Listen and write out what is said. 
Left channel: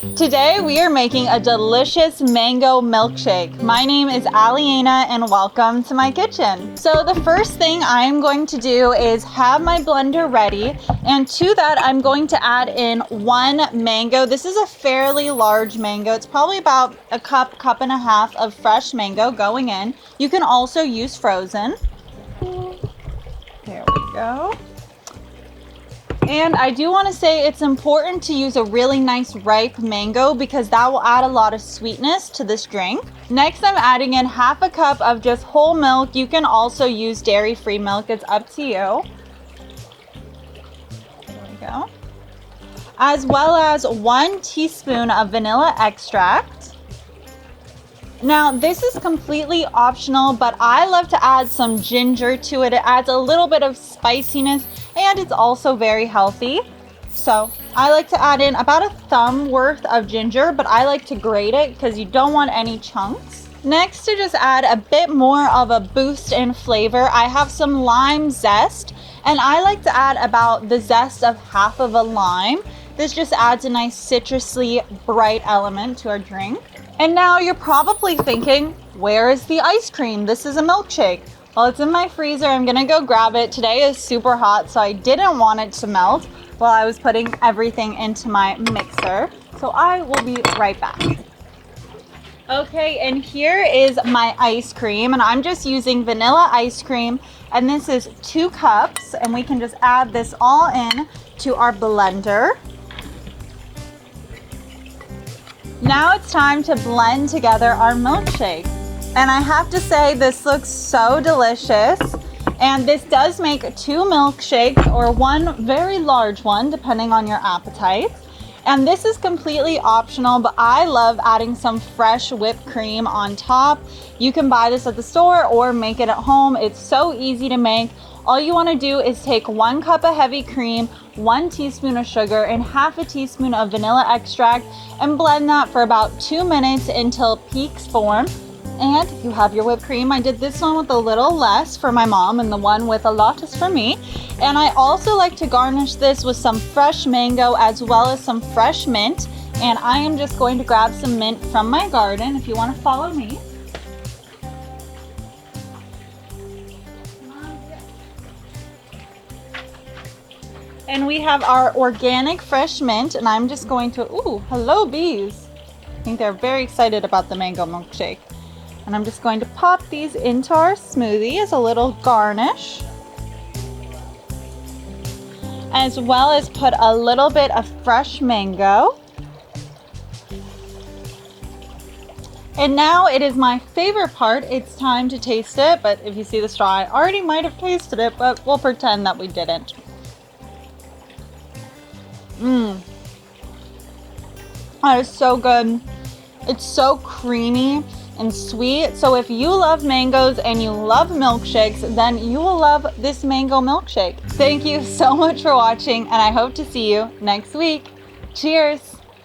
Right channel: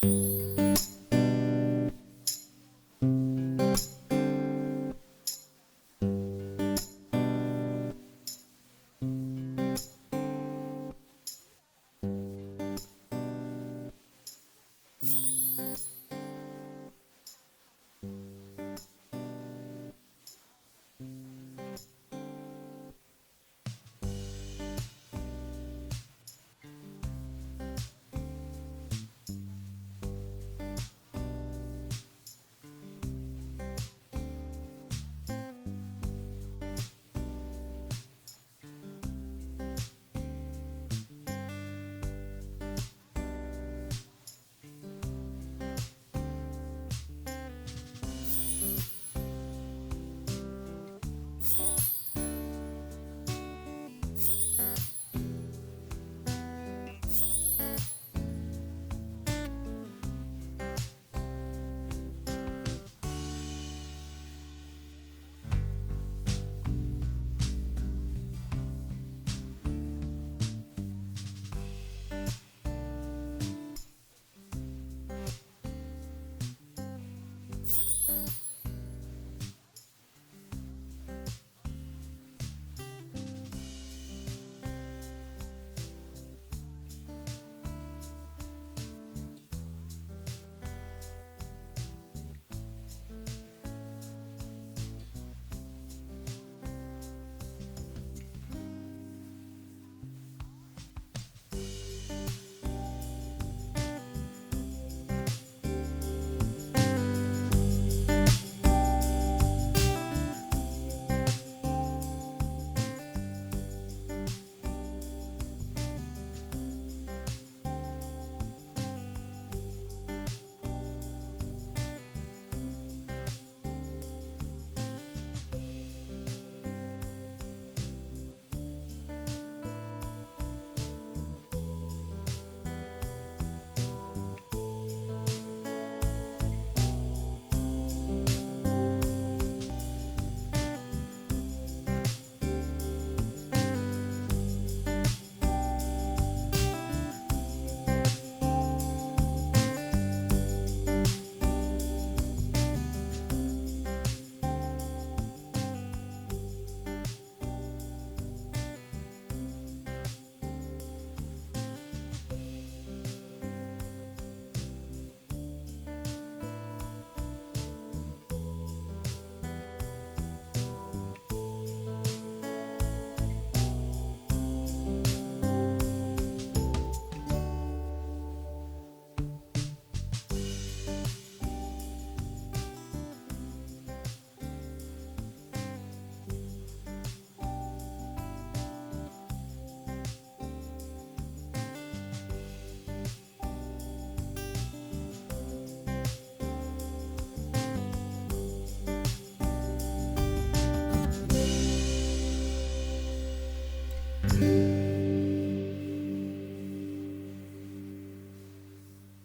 Today we are making a delicious mango milkshake. My name is Alyena and welcome to my kitchen. So the first thing I'm going to do is have my blender ready, and to that I'm going to add in 1 mango. This is a fairly large mango. It's probably about a cup and a half of fresh mango going in. You can also use frozen. There we go. And I do want to say it's important to use a really nice ripe mango because that will add a lot of sweetness to this drink. Next, I'm adding in half a cup of just whole milk. You can also use dairy-free milk. It's up to you. There we go. As well as 1 teaspoon of vanilla extract. Now, this is completely optional, but I love to add some ginger to it. It adds a little bit of spiciness, and it's also very healthy. So I like to add in about a thumb worth of ginger, but I like to grate it because you don't want any chunks. Next, to just add a bit more of a boost in flavor, I have some lime zest, and I like to add about the zest of half of a lime. This just adds a nice citrusy, bright element to our drink. And now you're probably thinking, where is the ice cream? This is a milkshake. Well, it's in my freezer. I'm gonna go grab it. Today is super hot, so I didn't want it to melt while I was putting everything into my mixer. So I will be right back. Okay, and here is my ice cream, and I'm just using vanilla ice cream, and this is 2 cups, and we can just add this all in to our blender. Now it's time to blend together our milkshake. And I have to say, this looks so delicious. And this does make 2 milkshakes or 1 very large one, depending on your appetite. And this is completely optional, but I love adding some fresh whipped cream on top. You can buy this at the store or make it at home. It's so easy to make. All you want to do is take 1 cup of heavy cream, 1 teaspoon of sugar, and half a teaspoon of vanilla extract, and blend that for about 2 minutes until peaks form. And you have your whipped cream. I did this one with a little less for my mom, and the one with a lot is for me. And I also like to garnish this with some fresh mango as well as some fresh mint. And I am just going to grab some mint from my garden if you want to follow me. And we have our organic fresh mint, and I'm just going to, ooh, hello bees. I think they're very excited about the mango milkshake. And I'm just going to pop these into our smoothie as a little garnish, as well as put a little bit of fresh mango. And now it is my favorite part. It's time to taste it, but if you see the straw, I already might have tasted it, but we'll pretend that we didn't. That is so good. It's so creamy and sweet. So if you love mangoes and you love milkshakes, then you will love this mango milkshake. Thank you so much for watching, and I hope to see you next week. Cheers.